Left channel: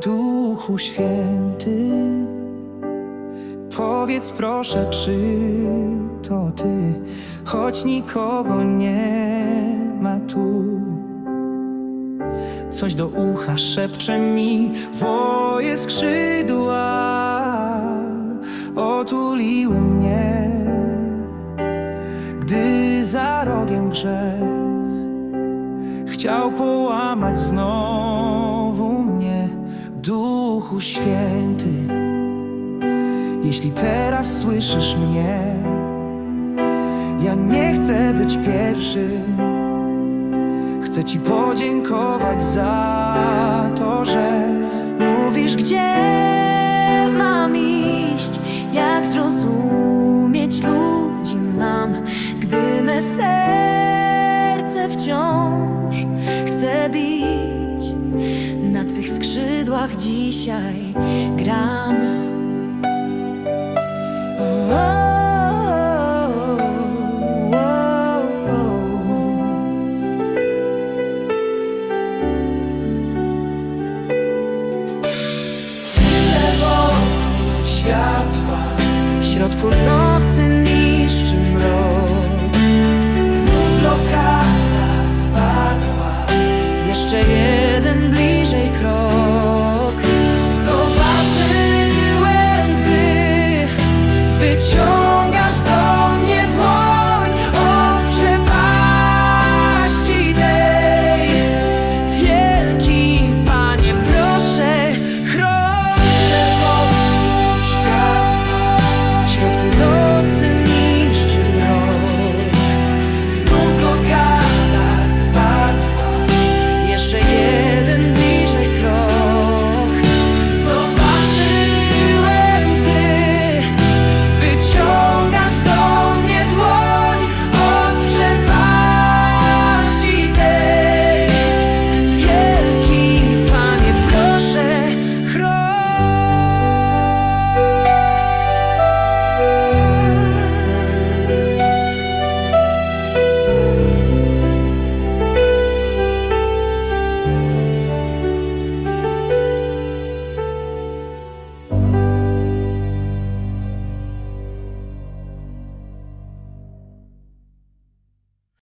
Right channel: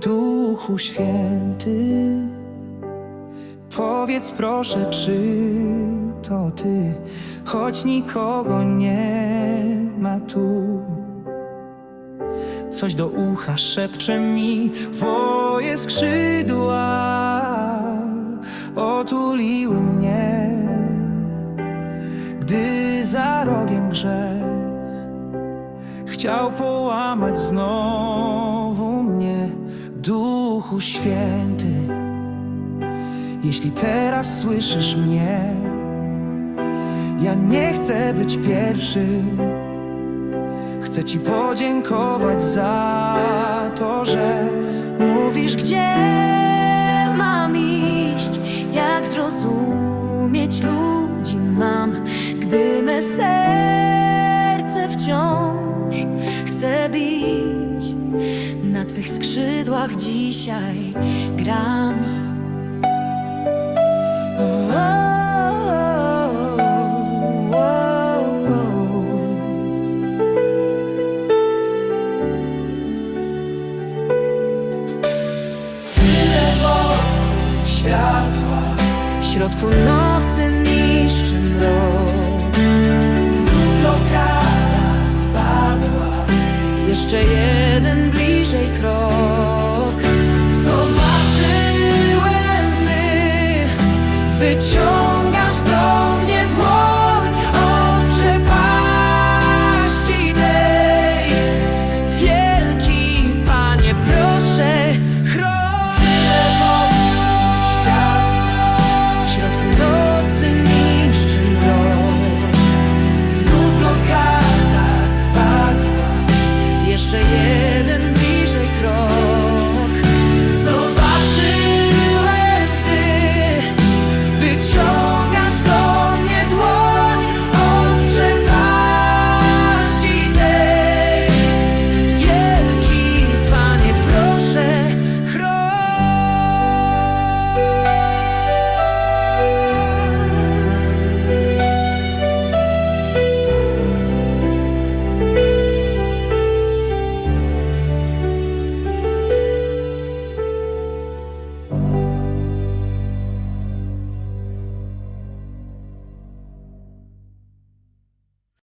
Duchu Święty, powiedz proszę, czy to Ty, choć nikogo nie ma tu. Coś do ucha szepcze mi, woje skrzydła. Otuliły mnie, gdy za rogiem grzech chciał połamać znowu mnie, Duchu Święty. Jeśli teraz słyszysz mnie, ja nie chcę być pierwszy. Chcę Ci podziękować za to, że Mówisz, gdzie mam iść, jak zrozumieć ludzi mam, gdy me serce wciąż chce bić. Na Twych skrzydłach dzisiaj gram. O, tyle wokół światła. W środku nocy niszczy mrok Znów blokada. Jeszcze jeden bliżej krok. Zobaczyłem, gdy wyciągasz jeszcze jeden bliżej krok.